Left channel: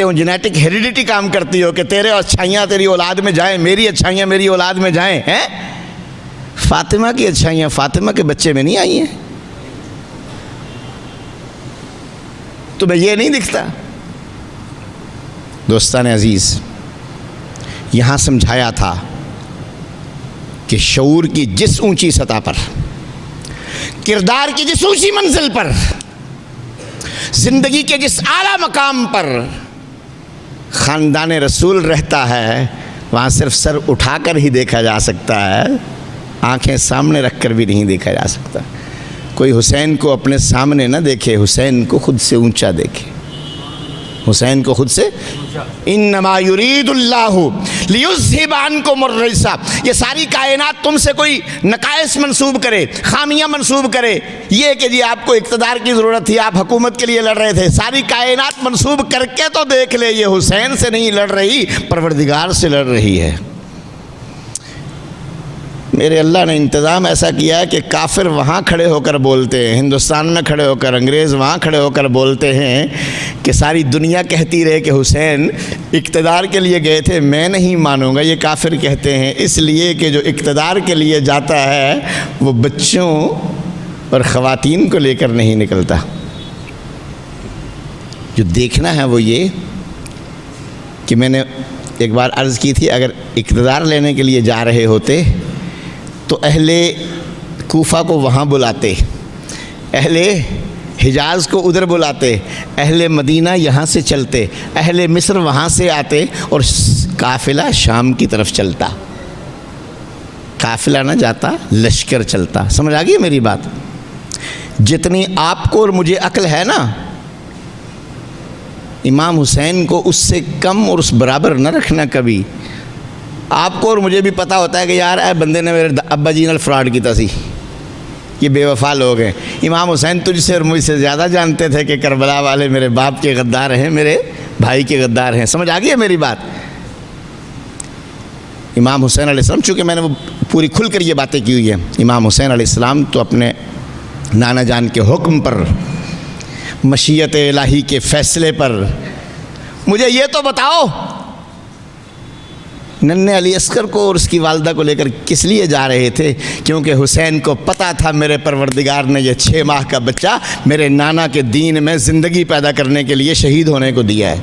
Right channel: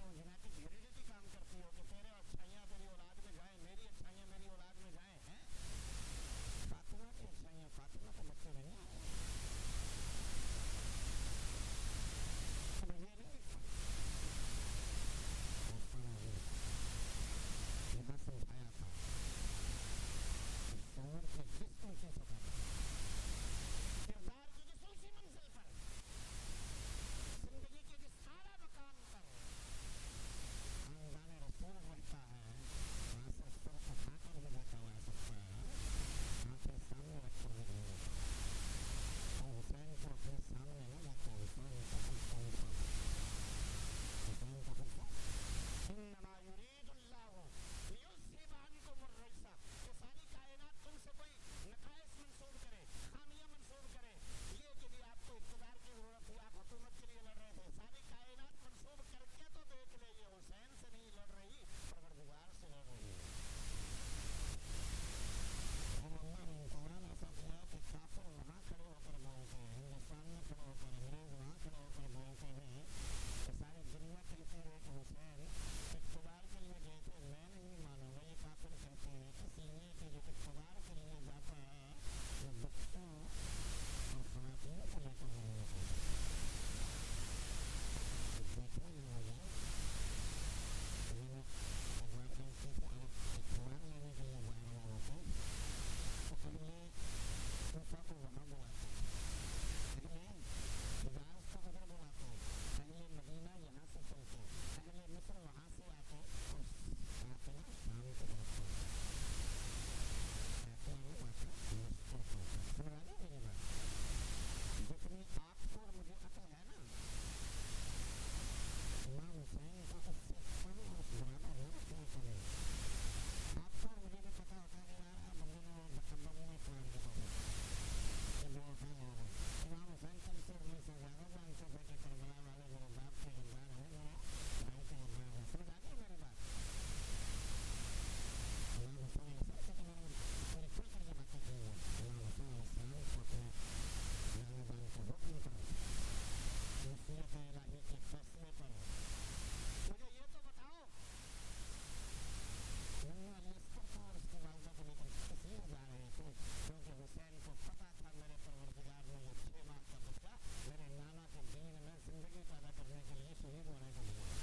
کرتے ہو، genetic heredity کام کرتی ہو کہ تیرے اچھائیاں تیری اولاد میں جائیں، میری اچھائیاں میری اولاد میں جائیں، ہیں؟ فاطمہ کی اچھائیاں فاطمہ کے بچے میں نہیں آئی ہیں؟ تمہیں یہ نہیں دکھتا؟ دوستان عزیز، یہاں سمجھایا تھا کہ شعور کی جس اونچی سطح پر، کردار کی جس اونچی منزل پر، زندگی کے جس اعلیٰ مقام پر خاندان رسول رہتا ہے، وہاں صرف سر اٹھا کر ہی دیکھا جا سکتا ہے، آنکھیں سامنے رکھ کر بھی نہیں دیکھا جا سکتا۔ کوئی حسین کو اپنے سامنے نہ دیکھے، حسین کو خود سے اونچا دیکھے، حسین کو خود سے۔ انما یرید اللہ لیذھب عنکم الرجس، یہ ساری کائنات تم سے کوئی نقائص منسوب کرے، خامیاں منسوب کرے، یہ کہ جی آپ کو اقتدار کی ضرورت تھی، آپ حکومت کے لیے لڑ رہے تھے، ساری کائنات منسوب کر کے تو دیکھ لے، یہ حسین سے نہیں لڑ رہی، پروردگار سے لڑ رہی ہے۔ میرے اللہ نے انتظام ایسا کیا ہے کہ کافر وہاں کھڑے ہو کر بولتے ہیں، ہندوستان میں کھڑے ہو کر، انگریز وہاں کھڑے ہو کر بولتے ہیں کہ ساری دنیا کہتی رہے کہ حسین اقتدار کے لیے گئے تھے، میں نہیں مانوں گا، یہ کافر کہتے ہیں، اس لیے کہ جو اقتدار کے لیے جاتا ہے وہ بچوں اور خواتین کو لے کر نہیں نکلتا۔ جو دیکھنا ہے وہ یہ کہ میں نے ایک بار عرض کی تھی، اگر اقتدار لینے کے لیے جا رہے ہوتے تو اہل کوفہ کو وہاں بلاتے، اہل حجاز کو ادھر بلاتے، اہل مدینہ یہاں سے چلتے، اہل مصر وہاں سے آتے، اور قافلہ شام کی طرف چلتا۔ قافلہ نہ جاتا، لشکر چلتا۔ سمجھ آ گئی میری بات؟ جتنی آپ کو اور مجھے عقل ہے نا، امام حسین کو اس سے کم اور اس برابر نہ رکھنا کبھی۔ آپ کو اور مجھے بھی پتہ ہوتا ہے کہ یار اے بندے نے میرے ابا جی نال فراڈ کیتا سی، یہ بے وفا لوگ ہیں۔ امام حسین تجھ سے اور مجھ سے زیادہ جانتے تھے کہ کربلا والے میرے باپ کے غدار ہیں، میرے بھائی کے غدار ہیں۔ سمجھ آ گئی ہے میری بات؟ امام حسین علیہ السلام، چونکہ میں نے وہ پوری کھل کر یہ باتیں کی ہوئی ہیں، امام حسین علیہ السلام تو اپنے نانا جان کے حکم پر، مشیت الہی کے فیصلے پر، مجھے یہ تو بتاؤ ننھے علی اصغر کو اور اس کی والدہ کو لے کر کس لیے جا رہے تھے؟ کیونکہ حسین کو پتہ تھا میرے پروردگار نے یہ 6 ماہ کا بچہ میرے نانا کے دین میں زندگی پیدا کرنے کے لیے شہید ہونے کو دیا ہے۔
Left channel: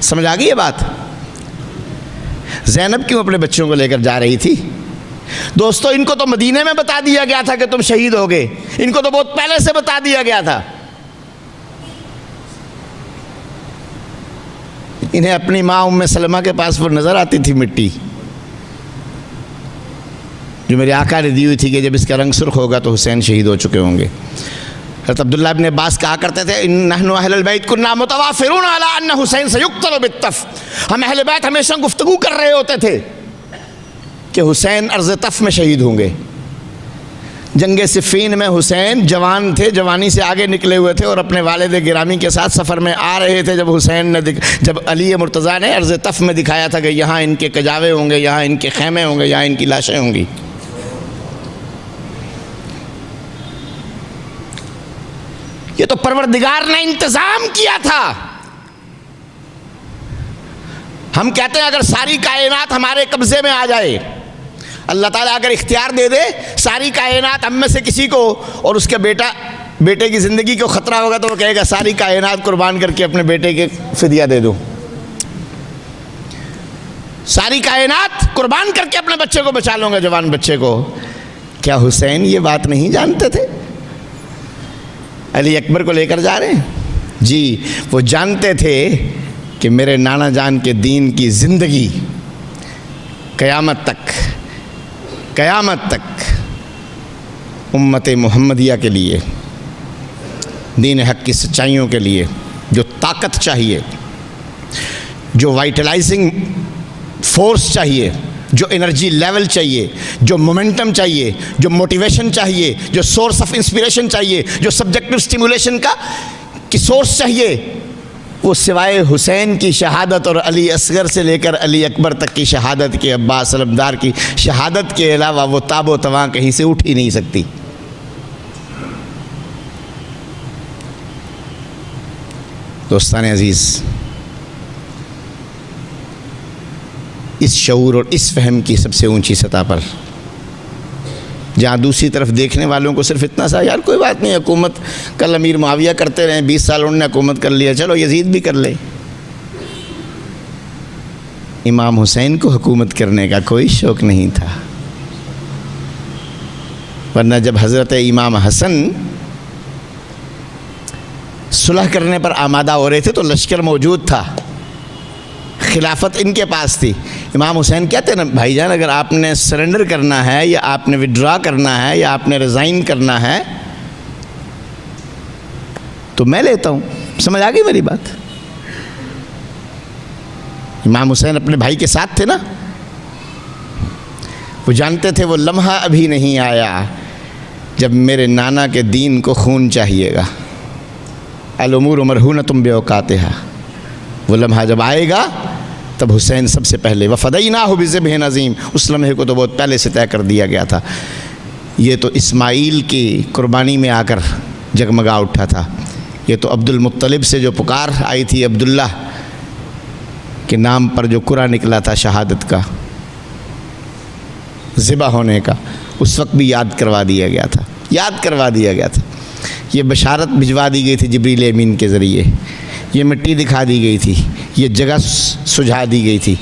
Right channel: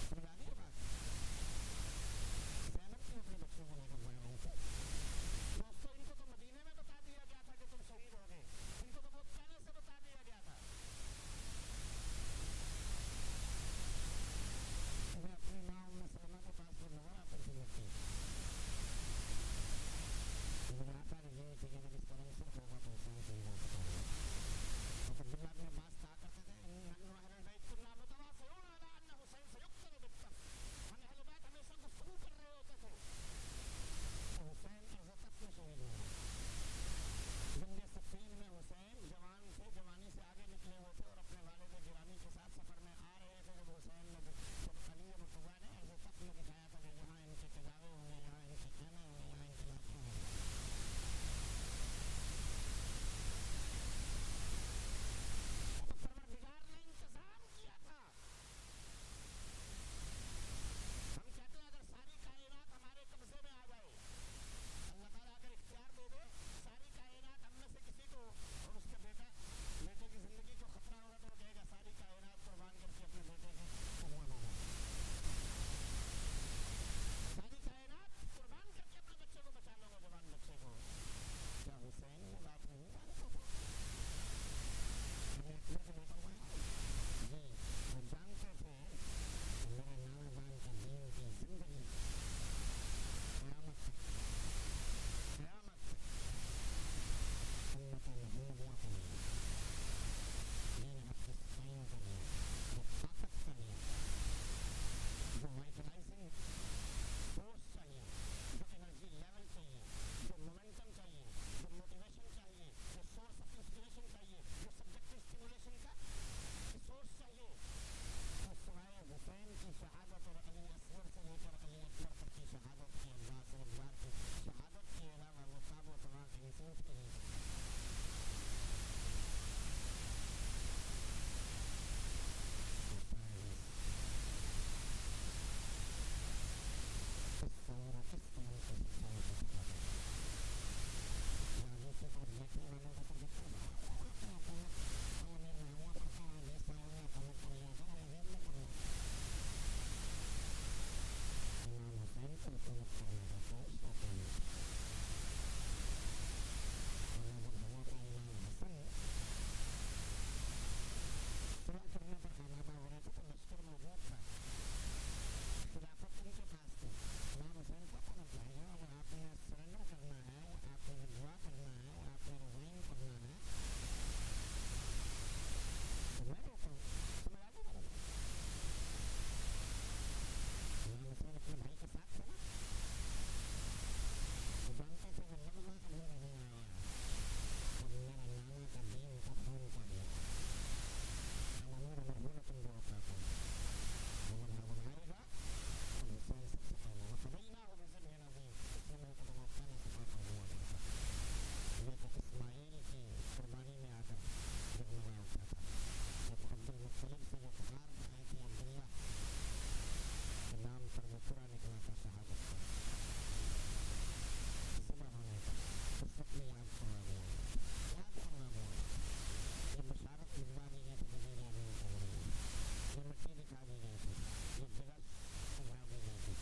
سمجھ آ گئی یہ بات؟ زینب کیوں اپنے بچوں کو لے کر جا رہی تھی؟ دوستو، ان کو تو مدینے میں بتا دیا گیا تھا کہ تم شہید ہوگے، ان کو تو بہت پہلے سے بتا دیا گیا تھا۔ انہیں اپنی ماں ام سلمہ کے پاس وہ نظر آتی تھی مٹی جو میرے آقا نے دی ہوئی تھی کہ جب اس کا رنگ سرخ ہوگا تو حسین شہید ہو چکے ہوں گے۔ حضرت عبداللہ ابن عباس کہا کرتے تھے نحن اہل البیت کنا متوافرون علی ان حسین سیقتل بالطف، ہم اہل بیت ہمیشہ گفتگو کر رہے ہوتے تھے کہ حسین ارض طف میں شہید ہوں گے۔ جنگ صفین میں حسین جوان تھے، جوانی سے آگے نکلے ہوئے تھے اور اپنے والد گرامی کے ساتھ سفر میں آ رہے تھے، جب علی مرتضیٰ نے ارض طف میں دکھایا تھا کہ یہاں ان کے کجاوے ہوں گے، یہاں ان کے خیمے ہوں گے، یہاں ان کی لاشیں ہوں گی۔ یہ تو پروردگار نے انتظام کیا تھا۔ ہم کہتے ہیں اگر ساری کائنات ہمارے قبضے میں آ جائے، اللہ تعالیٰ اگر اختیار دے دے ساری کائنات ہم میں سے کسی کو، اور اس کے بیٹے کی زندگی کو خطرہ ہوگا تو وہ کہے گا ساری کائنات قربان کر کے اپنے بیٹے کے فدیہ دے دو، ساری کائنات قربان کر کے اپنے بچے کو بچا لوں گا، جوان بچے کو۔ کیا حسین یہ بات نہیں جانتے تھے؟ علی اکبر کو لے کر جا رہے ہیں جی، وہ جانتے تھے کہ میرے نانا جان کے دین کی زندگی قیامت تک امت محمدیہ کے لیے، دین حق کی سچائیوں کے لیے جو طاقت چاہیے، جو وائٹلائزنگ فورس چاہیے، جو انرجی لیول چاہیے، جو مومنٹم چاہیے، جو موٹیویشن چاہیے، جو سورس آف انسپریشن چاہیے، جو سبجیکٹو سٹیمولیشن کی سورس چاہیے، وہ سوائے حسین کی شہادت اور علی اصغر سے لے کر علی اکبر تک کی شہادت کے، عباس علمدار کی شہادت کے علاوہ وہ تاب و تواں کہیں سے اٹھ ہی نہیں سکتی۔ دوستان عزیز، اس شعور اور اس فہم کی سب سے اونچی سطح پر، جہاں دوسری طرف دیکھنے والوں کو صرف اتنا سا یار کوئی بات نہیں، حکومت کل امیر معاویہ کرتے رہے، 20 سال انہوں نے حکومت کر لیا، چلو یزید بھی کر لے۔ امام حسین کو حکومت کرنے کا کوئی شوق نہیں تھا، ورنہ جب حضرت امام حسن صلح کرنے پر آمادہ ہو رہے تھے تو لشکر موجود تھا، خلافت ان کے پاس تھی۔ امام حسین کہتے ہیں نا بھائی جان، اگر آپ نے سرنڈر کرنا ہے یا آپ نے وڈرا کرنا ہے یا آپ نے ریزائن کرنا ہے تو میں لیتا ہوں۔ سمجھ آ گئی میری بات؟ امام حسین اپنے بھائی کے ساتھ تھے نا، وہ جانتے تھے وہ لمحہ ابھی نہیں آیا جب میرے نانا کے دین کو خون چاہیے گا۔ الامور مرہونۃ باوقاتہا، وہ لمحہ جب آئے گا تب حسین سب سے پہلے، وفدیناہ بذبح عظیم، اس لمحے کو تو بہت پہلے سے طے کر دیا گیا تھا۔ یہ تو اسماعیل کی قربانی میں آ کر جگمگا اٹھا تھا، یہ تو عبد المطلب سے جو پکار آئی تھی، عبداللہ کے نام پر جو قرآن نکلا تھا شہادت کا، ذبح ہونے کا، اس وقت بھی یاد کروا دیا گیا تھا، یاد کروا دیا گیا تھا۔ یہ بشارت بھجوا دی گئی تھی جبریل امین کے ذریعے، یہ مٹی دکھا دی گئی تھی، یہ جگہ سجھا دی گئی تھی۔